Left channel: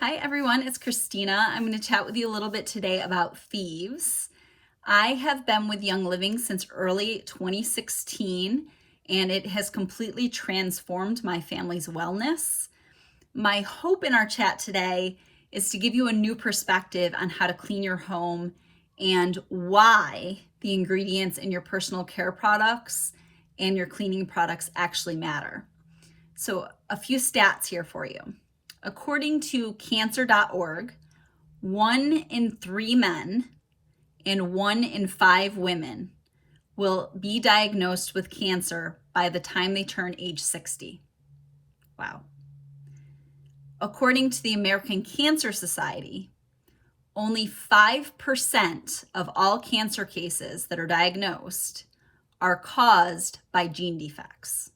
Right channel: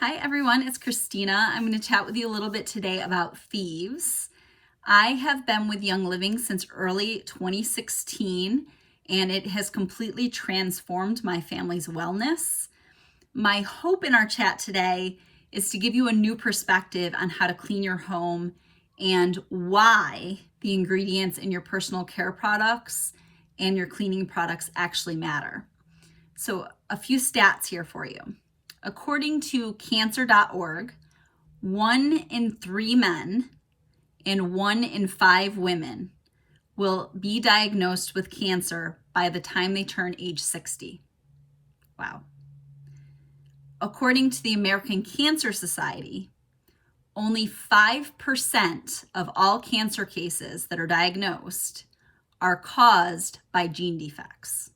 Hi everyone, it's Christina. I'm going to chat with you a little bit today about thieves. I have been with Young Living since early 2016 and it has completely transformed my family's wellness. My hope in our chat today is to give you a new perspective on how to clean your home and why the ingredients in your personal care products and your cleaning products actually matter. So a few stats here for you. According to cancer.org, 1 in 3 men and 1 in 5 women will be diagnosed with cancer by the time they turn age 60. Wow. According to the American Cancer Society, only 5% of all cancer cases that are diagnosed are caused by gene defects.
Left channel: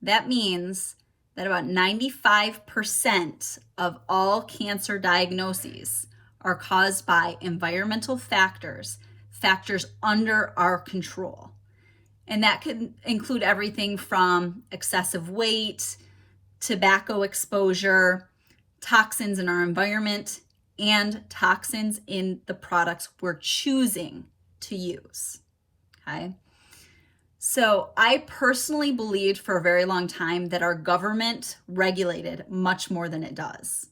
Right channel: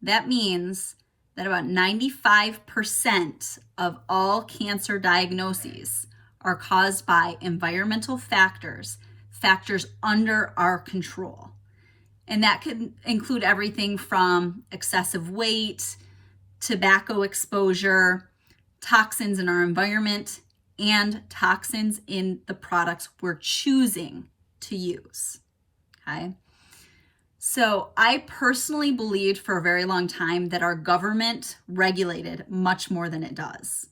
That means that about 95% of all cancer diagnoses are caused by environmental factors under our control. And that could include everything from excessive weight, tobacco exposure, toxins in our environment, and toxins in the products we're choosing to use, okay? So I personally believed for a very long time that our government regulated much more than it does.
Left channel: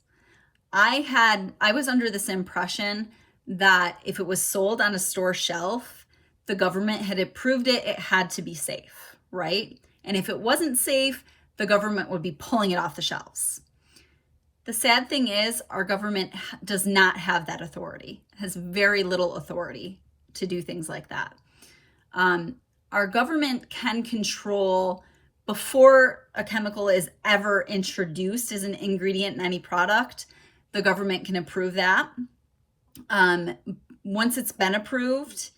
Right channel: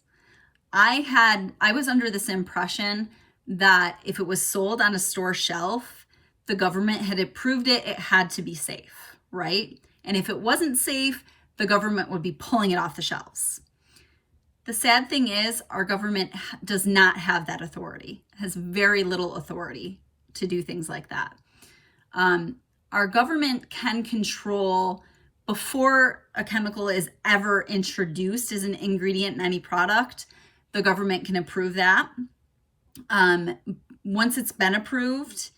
I was under this impression that if it was sold on a store shelf, the government had approved it, it had to be safe, right? And if it wasn't safe, the government would be pulling it off the shelves. The sad thing is our government does not have that authority, has very little authority to do things like that. Our government can control before a chemical is ever introduced as an ingredient in any product, the government can approve that. Once it's been approved,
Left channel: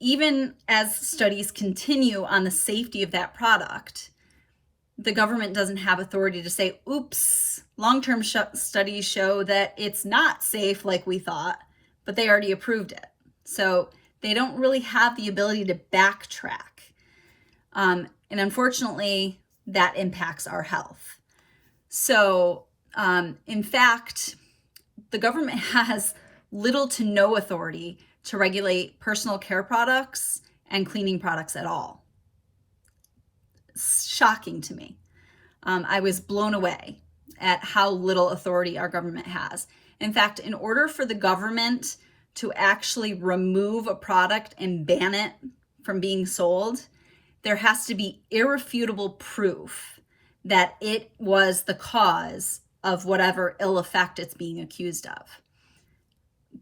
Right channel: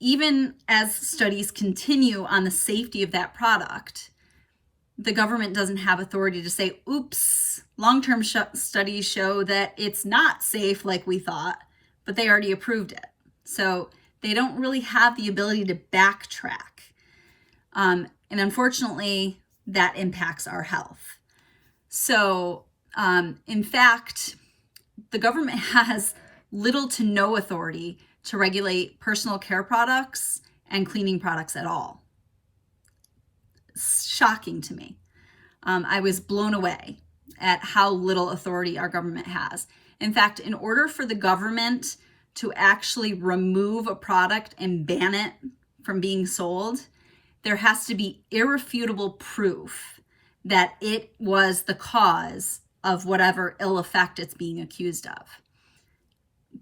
even as studies continue on the safety of that product, the government doesn't have authority to say, oops, long-term studies show that it's not safe like we thought, but they already approved it. So they don't really have the ability to backtrack. And unfortunately, that impacts our health. So in fact, the government has little to no authority to regulate personal care products and cleaning products at all. Shocking to me. I was blown away at how little authority our government has. In fact, in order for the government to actually remove a product and ban it from being sold, there has to be irrefutable proof that it was the cause of whatever ill effect it's being accused of.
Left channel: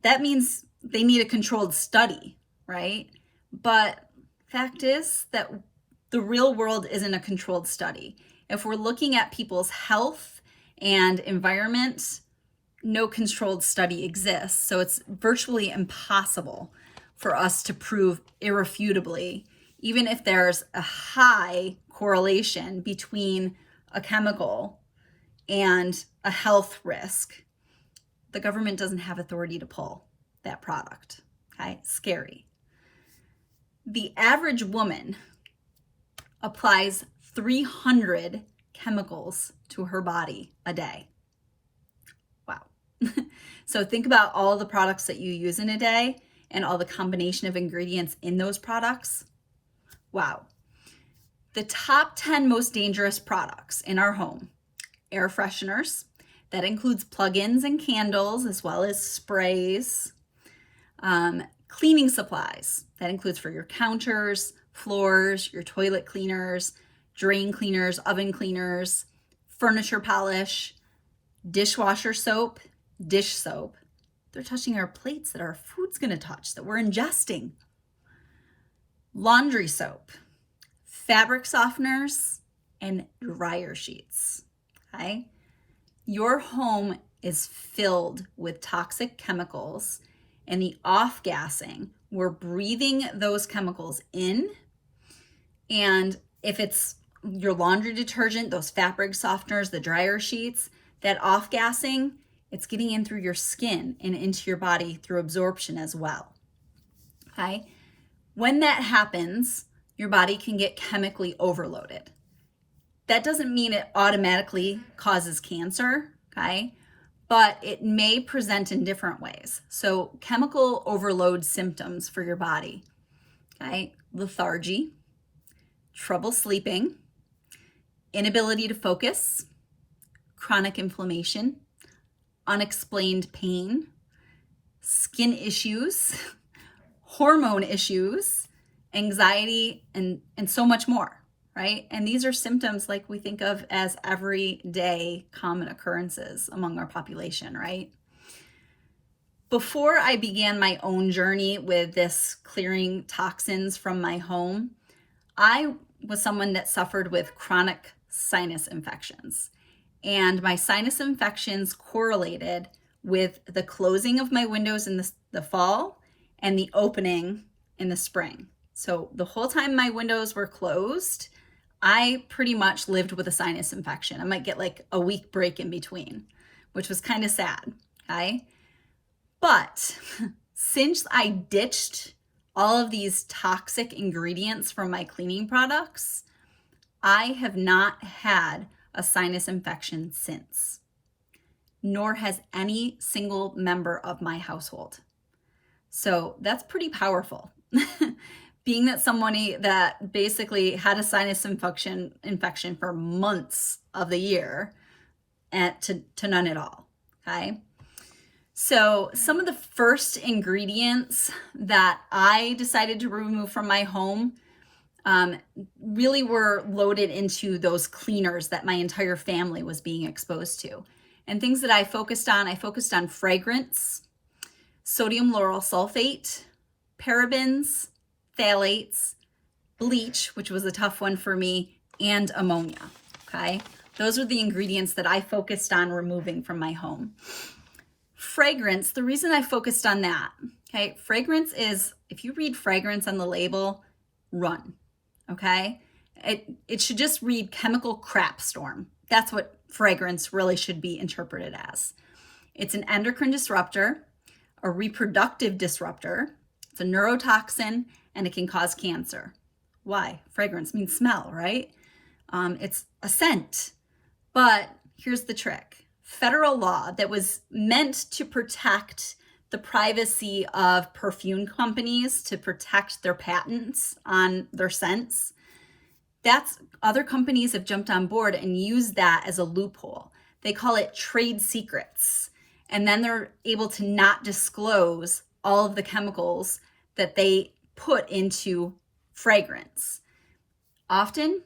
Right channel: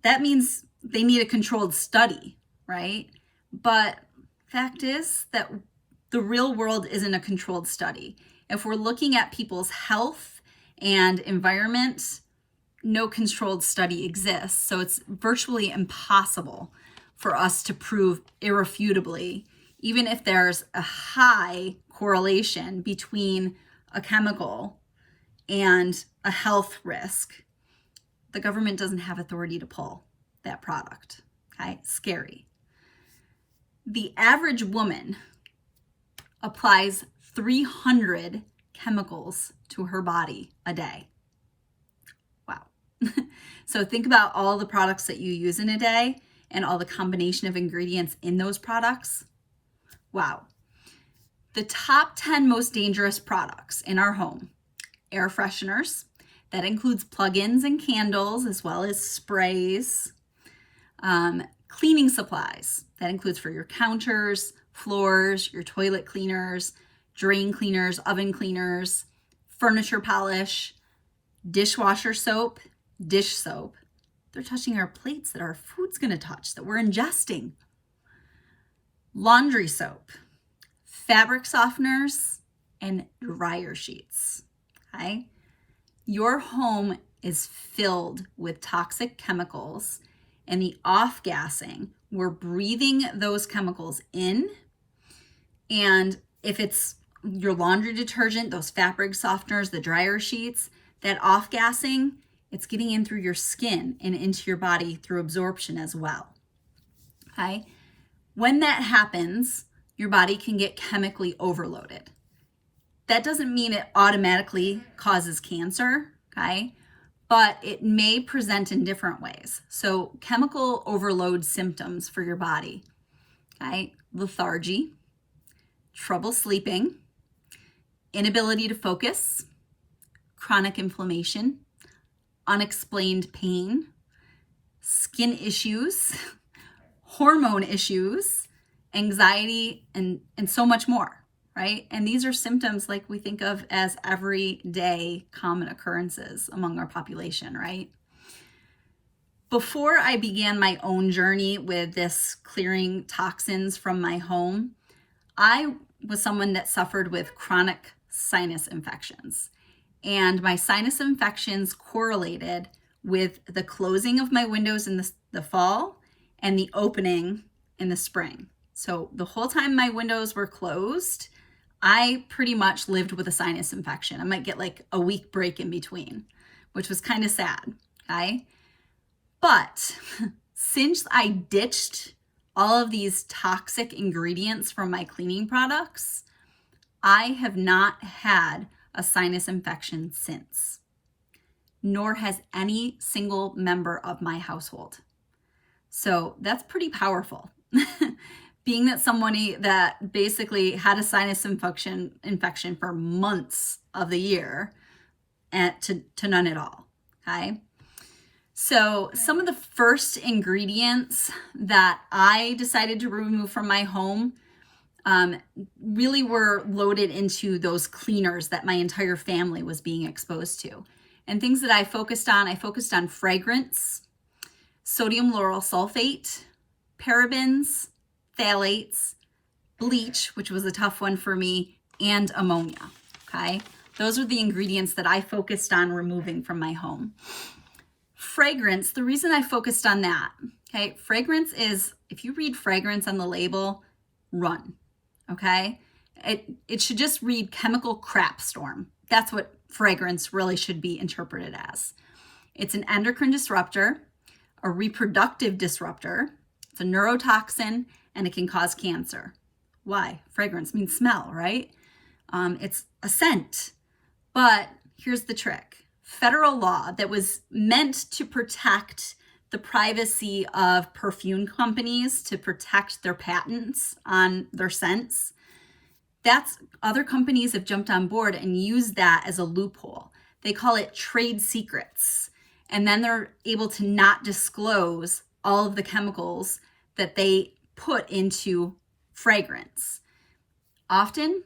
That means they need a controlled study, right? But fact is that the real world isn't a controlled study. If we're looking at people's health and environment, no controlled study exists. So it's virtually impossible for us to prove irrefutably, even if there's a high correlation between a chemical and a health risk. The government doesn't have authority to pull that product, okay? Scary. The average woman applies 300 chemicals to her body a day. Wow. So think about all the products that you use in a day and all the combination of ingredients in those products. Wow. The top 10 most dangerous products in our home: air fresheners, that includes plug-ins and candles as well as sprays. Cleaning supplies, that includes for your counters, floors, your toilet cleaners, drain cleaners, oven cleaners, furniture polish, dishwasher soap, dish soap. They're touching our plates that our food's going to touch, that we're ingesting. Laundry soap, fabric softeners, and dryer sheets, okay? Your home is filled with toxic chemicals, and the off-gassing, we're breathing those chemicals in. And if it's your laundry detergent, those fabric softeners, the dryer sheets, that off-gassing, it's getting in through your skin and into your body through absorption as well, okay? When that happens, your body can get chemically overloaded. That doesn't mean it automatically causes cancer, okay? but it may present in different ways. So chemical overload symptoms for your body, okay? Lethargy, trouble sleeping, inability to focus, chronic inflammation, unexplained pain, skin issues, hormone issues, anxiety, and so much more, right? And these are symptoms like we think of as everyday common occurrences among our population, right? Before I began my own journey with this clearing toxins from my home, I was someone that suffered with chronic sinus infections. And my sinus infections correlated with the closing of my windows in the fall and the opening in the spring. So the whole time my windows were closed, I pretty much lived with a sinus infection. I might get like a week break in between, which was kind of sad, okay? But since I ditched all of these toxic ingredients from my cleaning products, I have not had a sinus infection since, nor has any single member of my household. So that's pretty powerful. Being that somebody that basically had a sinus infection for months of the year and to none at all, okay? So some of the first ingredients that I decided to remove from my home really were loaded into those cleaners that my entire family was being exposed to. And things that I focused on fragrance, sodium lauryl sulfate, parabens, phthalates, bleach, which was a tough one for me, and ammonia, okay? Those are the ingredients that I focused on removing from my home. Fragrance, the reason I focused on that, okay? Fragrance is, if you read fragrance on the label, run, okay? It should just read chemical crap storm. That's what fragrance really should be interpreted as. It's an endocrine disruptor, a reproductive disruptor, it's a neurotoxin, and it can cause cancer. Why? Fragrance means smell, right? It's a scent. But here's the trick. Federal law that was meant to protect the privacy of perfume companies, to protect their patents on their scents, that's other companies have jumped on board and used that as a loophole. They call it trade secrets. And then they're able to not disclose all of the chemicals that they put into fragrance. Often,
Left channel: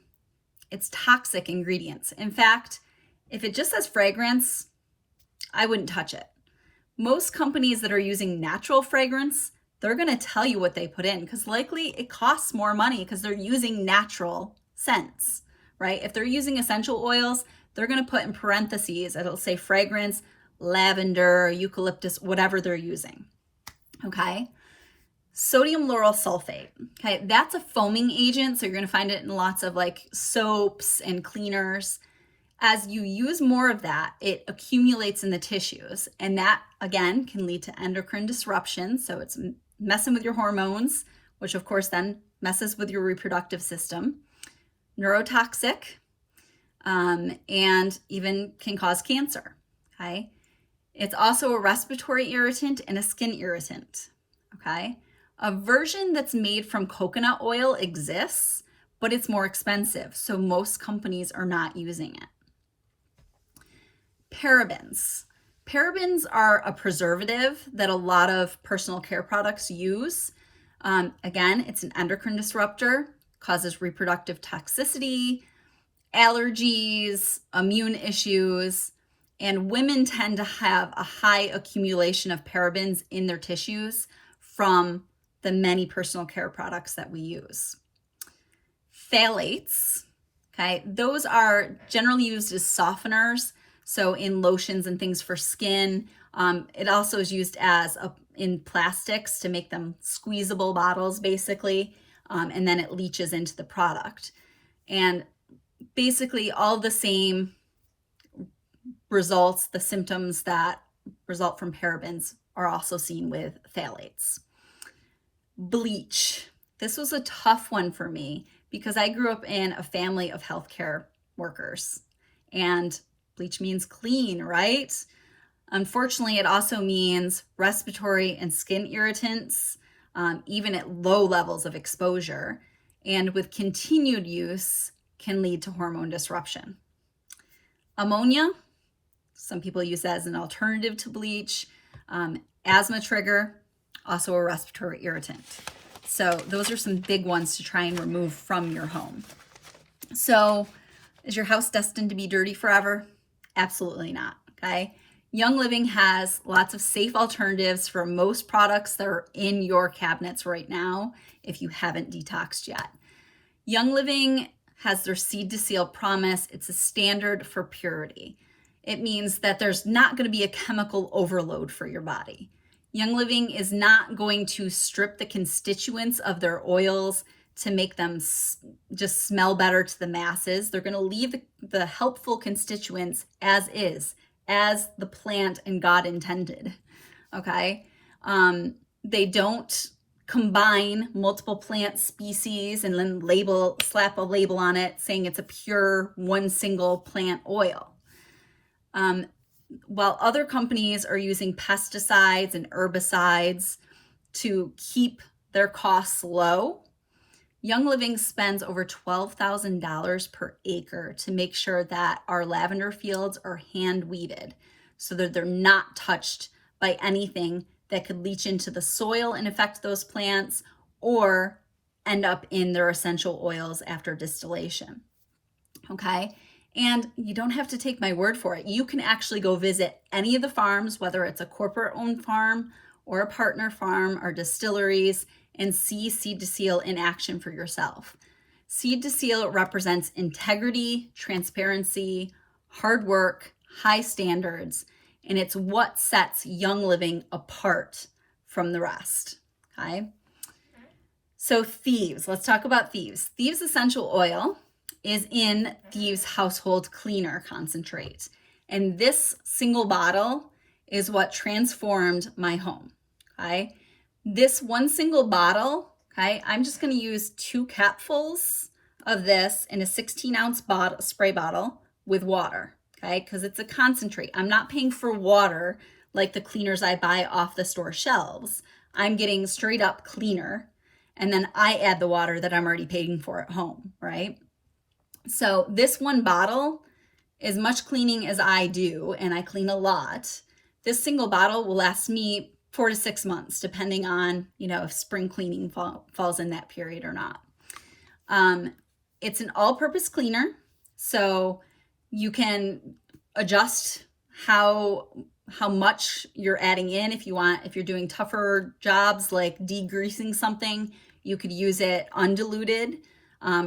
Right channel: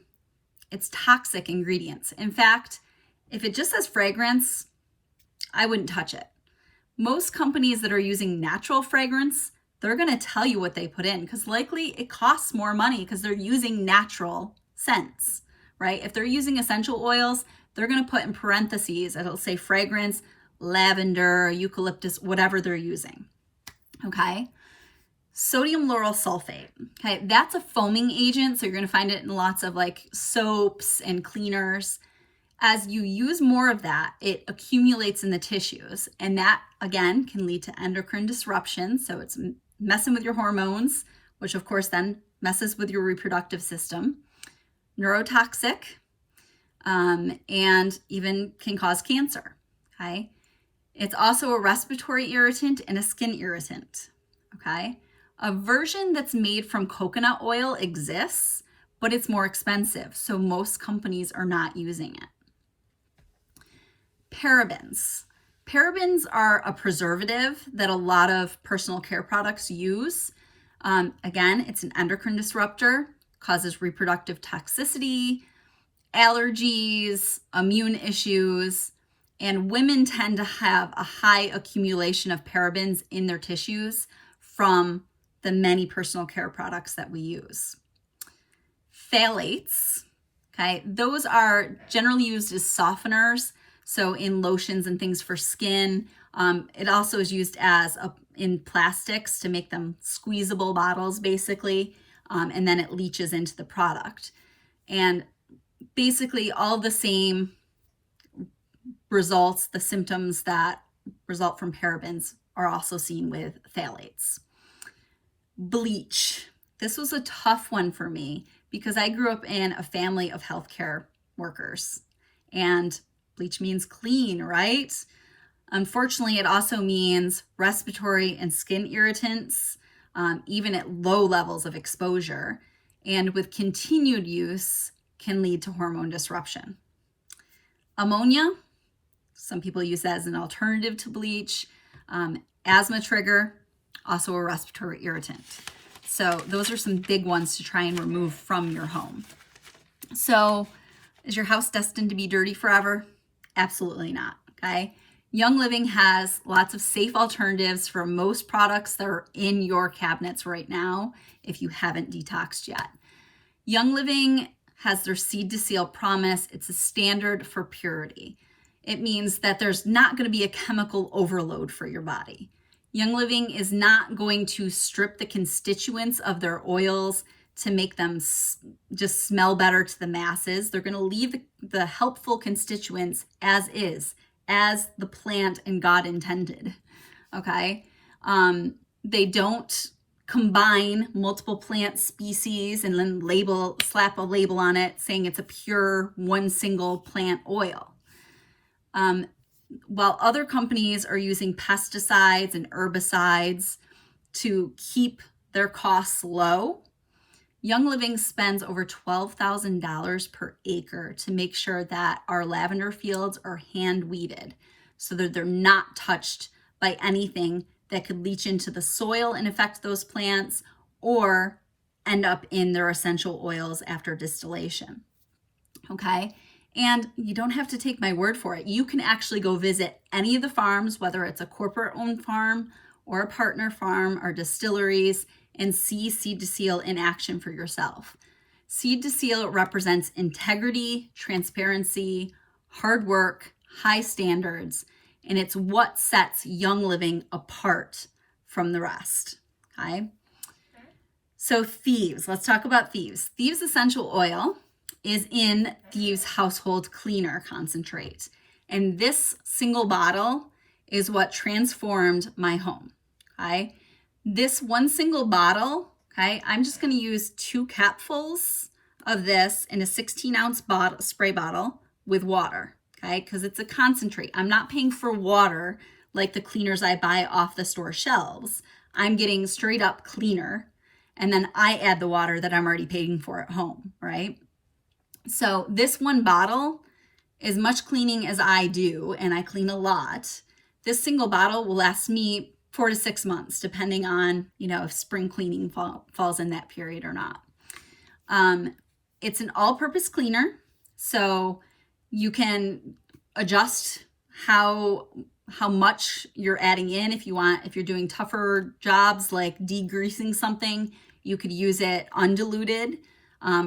it's toxic ingredients. In fact, if it just says fragrance, I wouldn't touch it. Most companies that are using natural fragrance, they're going to tell you what they put in because likely it costs more money because they're using natural scents, right? If they're using essential oils, they're going to put in parentheses, it'll say fragrance, lavender, eucalyptus, whatever they're using, okay? Sodium lauryl sulfate, okay? That's a foaming agent, so you're going to find it in lots of like soaps and cleaners. As you use more of that, it accumulates in the tissues, and that, again, can lead to endocrine disruption. So it's messing with your hormones, which, of course, then messes with your reproductive system, neurotoxic, and even can cause cancer, okay? It's also a respiratory irritant and a skin irritant, okay? A version that's made from coconut oil exists, but it's more expensive, so most companies are not using it. Parabens. Parabens are a preservative that a lot of personal care products use. Again, it's an endocrine disruptor, causes reproductive toxicity, allergies, immune issues, and women tend to have a high accumulation of parabens in their tissues from the many personal care products that we use. Phthalates, okay, those are generally used as softeners. So in lotions and things for skin. It also is used as in plastics to make them squeezable bottles, basically, and then it leaches into the product. And basically all the same results, the symptoms that result from parabens are also seen with phthalates. Bleach. This was a tough one for me because I grew up in a family of healthcare workers, and bleach means clean, right? Unfortunately, it also means respiratory and skin irritants, even at low levels of exposure, and with continued use can lead to hormone disruption. Ammonia, some people use that as an alternative to bleach. Asthma trigger, also a respiratory irritant. So those are some big ones to try and remove from your home. So is your house destined to be dirty forever? Absolutely not, okay? Young Living has lots of safe alternatives for most products that are in your cabinets right now if you haven't detoxed yet. Young Living has their Seed to Seal promise. It's a standard for purity. It means that there's not going to be a chemical overload for your body. Young Living is not going to strip the constituents of their oils to make them just smell better to the masses. They're going to leave the helpful constituents as is, as the plant and God intended, okay? They don't combine multiple plant species and then slap a label on it saying it's a pure one single plant oil. While other companies are using pesticides and herbicides to keep their costs low, Young Living spends over $12,000 per acre to make sure that our lavender fields are hand weeded so that they're not touched by anything that could leach into the soil and affect those plants or end up in their essential oils after distillation. Okay? And you don't have to take my word for it. You can actually go visit any of the farms, whether it's a corporate-owned farm or a partner farm or distilleries, and see Seed to Seal in action for yourself. Seed to Seal represents integrity, transparency, hard work, high standards, and it's what sets Young Living apart from the rest, okay? So Thieves, let's talk about Thieves. Thieves Essential Oil is in Thieves Household Cleaner Concentrate, and this single bottle is what transformed my home, okay? This one single bottle, okay, I'm just going to use 2 capfuls of this in a 16-ounce spray bottle with water, okay, because it's a concentrate. I'm not paying for water like the cleaners I buy off the store shelves. I'm getting straight up cleaner, and then I add the water that I'm already paying for at home, right? So this one bottle, as much cleaning as I do, and I clean a lot, this single bottle will last me 4 to 6 months, depending on, if spring cleaning falls in that period or not. It's an all-purpose cleaner, so you can adjust how much you're adding in. If you're doing tougher jobs like degreasing something, you could use it undiluted.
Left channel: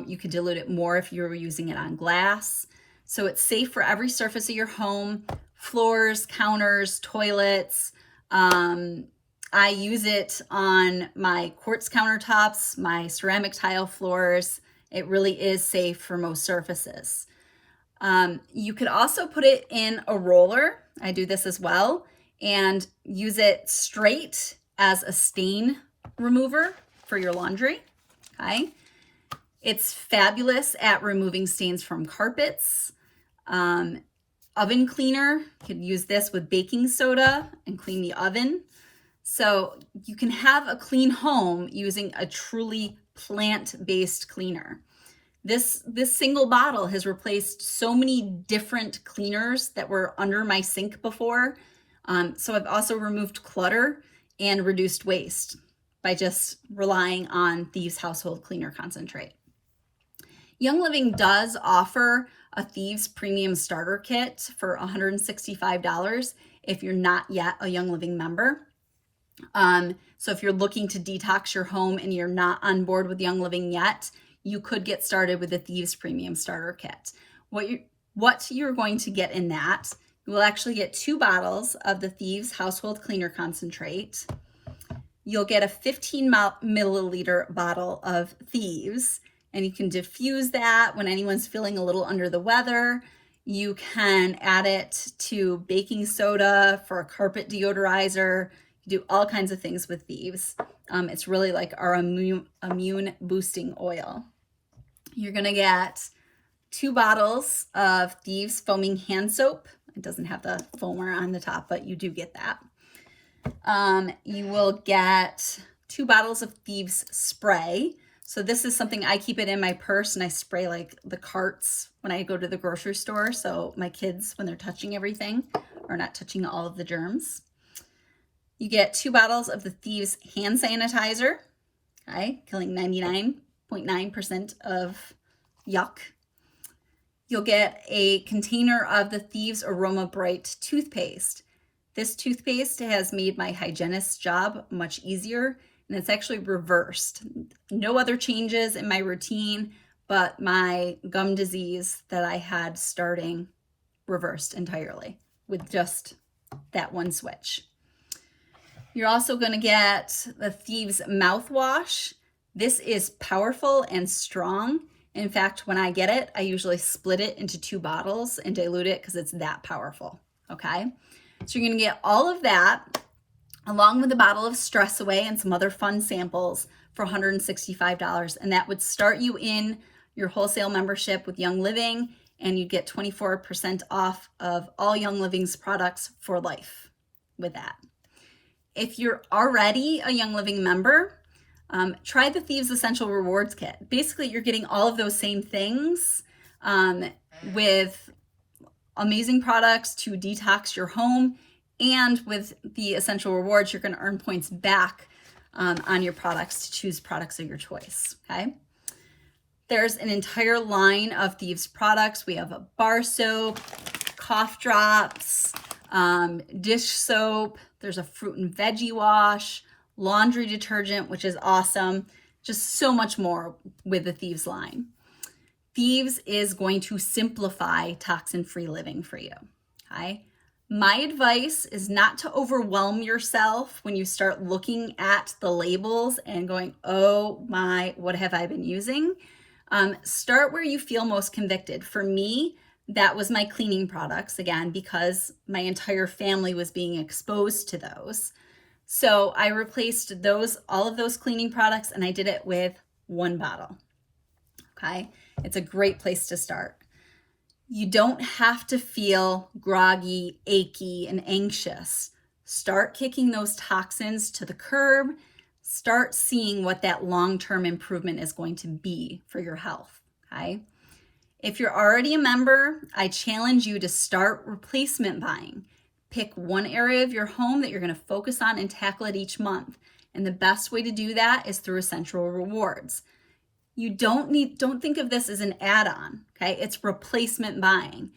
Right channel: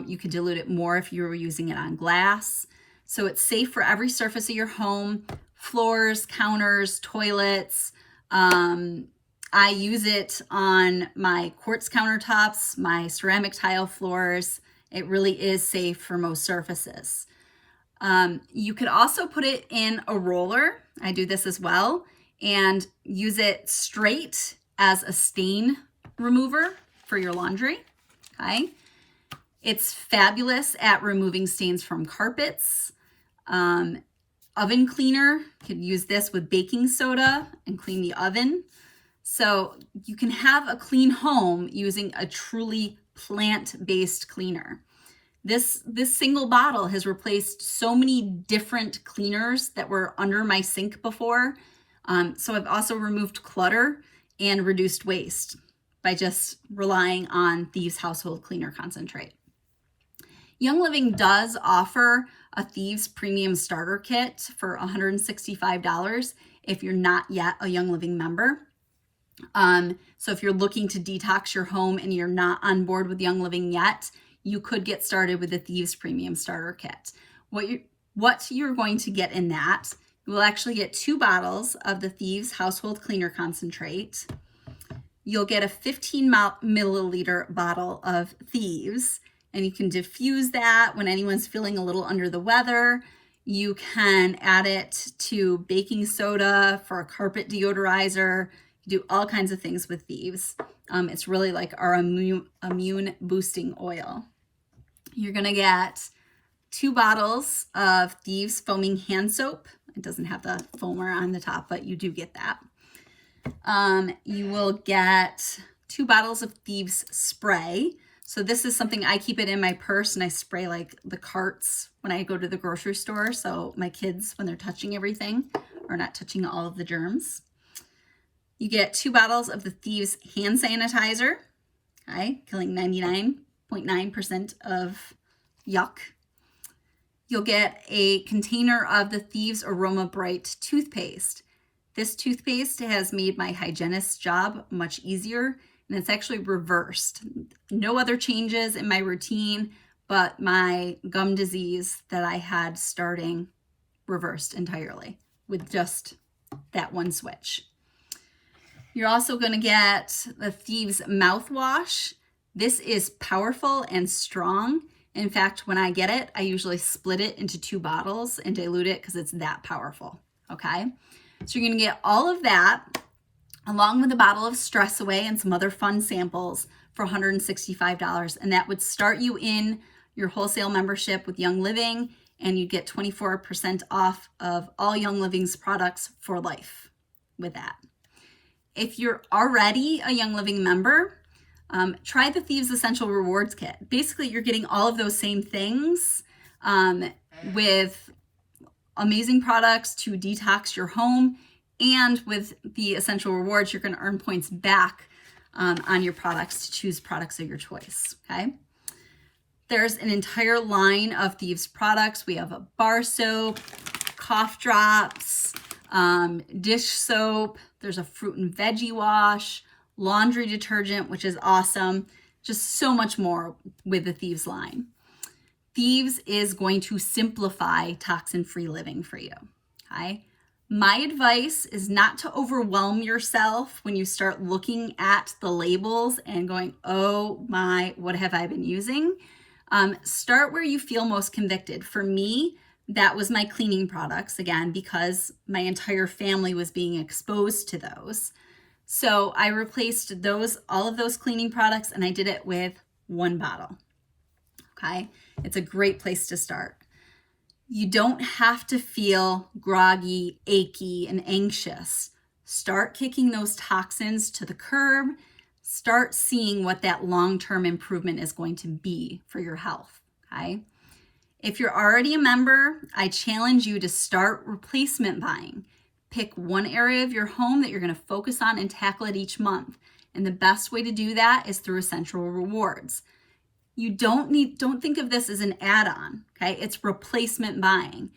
You could dilute it more if you were using it on glass. So it's safe for every surface of your home, floors, counters, toilets. I use it on my quartz countertops, my ceramic tile floors. It really is safe for most surfaces. You could also put it in a roller. I do this as well, and use it straight as a stain remover for your laundry, okay? It's fabulous at removing stains from carpets. Oven cleaner, you could use this with baking soda and clean the oven. So you can have a clean home using a truly plant-based cleaner. This single bottle has replaced so many different cleaners that were under my sink before. So I've also removed clutter and reduced waste by just relying on Thieves Household Cleaner Concentrate. Young Living does offer a Thieves Premium Starter Kit for $165 if you're not yet a Young Living member. So if you're looking to detox your home and you're not on board with Young Living yet, you could get started with the Thieves Premium Starter Kit. What you're going to get in that, you will actually get 2 bottles of the Thieves Household Cleaner Concentrate. You'll get a 15 milliliter bottle of Thieves, and you can diffuse that when anyone's feeling a little under the weather. You can add it to baking soda for a carpet deodorizer. You do all kinds of things with Thieves. It's really like our immune boosting oil. You're gonna get 2 bottles of Thieves Foaming Hand Soap. It doesn't have the foamer on the top, but you do get that. You will get 2 bottles of Thieves spray. So this is something I keep it in my purse, and I spray like the carts when I go to the grocery store. So my kids, when they're touching everything, are not touching all of the germs. You get 2 bottles of the Thieves hand sanitizer, okay, killing 99.9% of yuck. You'll get a container of the Thieves Aroma Bright toothpaste. This toothpaste has made my hygienist's job much easier, and it's actually reversed. No other changes in my routine, but my gum disease that I had starting reversed entirely with just that one switch. You're also going to get the Thieves mouthwash. This is powerful and strong. In fact, when I get it, I usually split it into 2 bottles and dilute it because it's that powerful, okay? So you're going to get all of that along with a bottle of Stress Away and some other fun samples for $165. And that would start you in your wholesale membership with Young Living, and you get 24% off of all Young Living's products for life with that. If you're already a Young Living member, try the Thieves Essential Rewards Kit. Basically, you're getting all of those same things with amazing products to detox your home, and with the Essential Rewards, you're going to earn points back on your products to choose products of your choice, okay? There's an entire line of Thieves products. We have a bar soap, cough drops, dish soap. There's a fruit and veggie wash, laundry detergent, which is awesome. Just so much more with the Thieves line. Thieves is going to simplify toxin-free living for you, okay? My advice is not to overwhelm yourself when you start looking at the labels and going, oh my, what have I been using? Start where you feel most convicted. For me, that was my cleaning products, again, because my entire family was being exposed to those. So I replaced all of those cleaning products, and I did it with 1 bottle, okay? It's a great place to start. You don't have to feel groggy, achy, and anxious. Start kicking those toxins to the curb. Start seeing what that long-term improvement is going to be for your health, okay? If you're already a member, I challenge you to start replacement buying. Pick one area of your home that you're going to focus on and tackle it each month. And the best way to do that is through Essential Rewards. You don't think of this as an add-on, okay? It's replacement buying.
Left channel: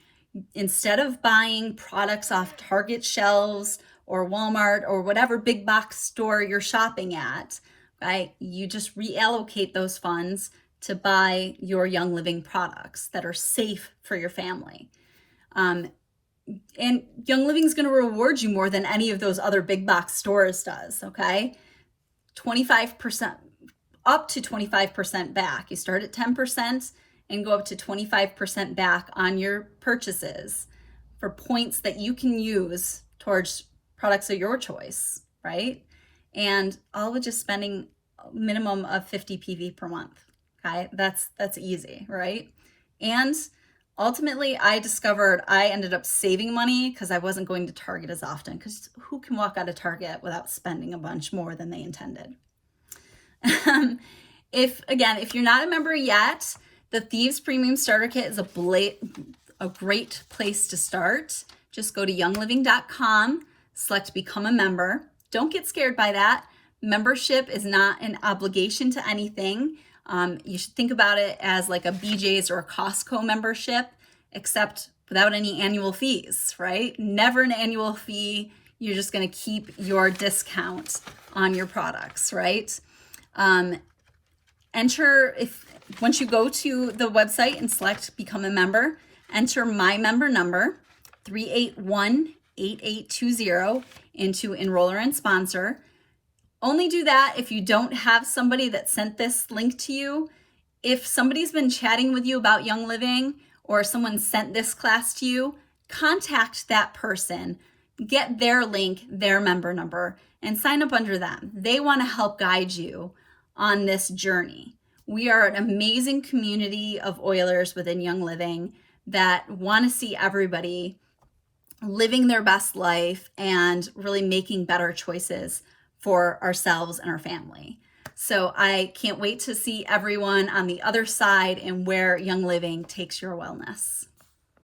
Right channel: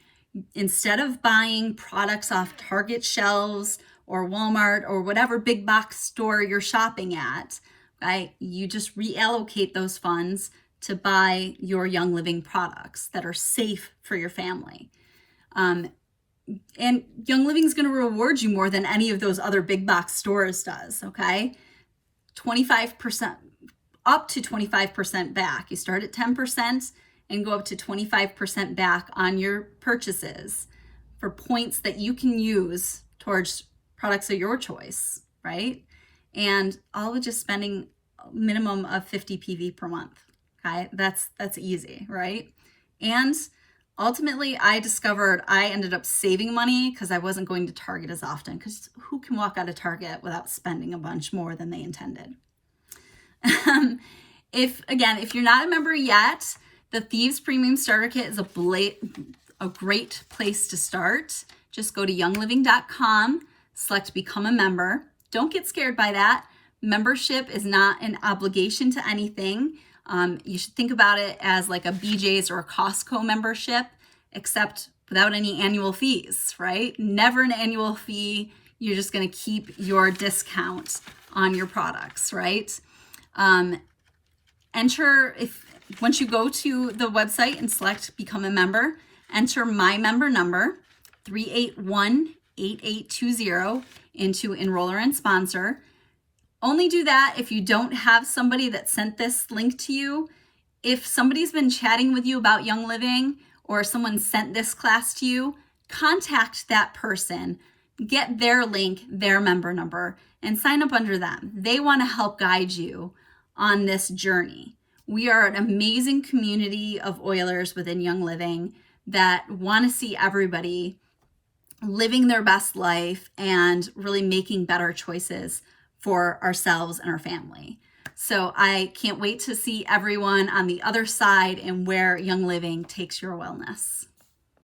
Instead of buying products off Target shelves or Walmart or whatever big box store you're shopping at, okay, you just reallocate those funds to buy your Young Living products that are safe for your family. And Young Living is going to reward you more than any of those other big box stores does, okay? 25%, up to 25% back. You start at 10% and go up to 25% back on your purchases for points that you can use towards products of your choice, right? And all with just spending a minimum of 50 PV per month, okay? That's easy, right? And ultimately, I discovered I ended up saving money because I wasn't going to Target as often, because who can walk out of Target without spending a bunch more than they intended? If you're not a member yet, the Thieves Premium Starter Kit is a great place to start. Just go to youngliving.com, select Become a Member. Don't get scared by that. Membership is not an obligation to anything. You should think about it as like a BJ's or a Costco membership, except without any annual fees, right? Never an annual fee. You're just going to keep your discount on your products, right? Once you go to the website and select Become a Member, enter my member number 3818820 into Enroller and Sponsor. Only do that if you don't have somebody that sent this link to you. If somebody's been chatting with you about Young Living, or someone sent this class to you, contact that person, get their link, their member number, and sign up under them. They want to help guide you on this journey. We are an amazing community of oilers within Young Living that want to see everybody living their best life and really making better choices for ourselves and our family. So I can't wait to see everyone on the other side and where Young Living takes your wellness.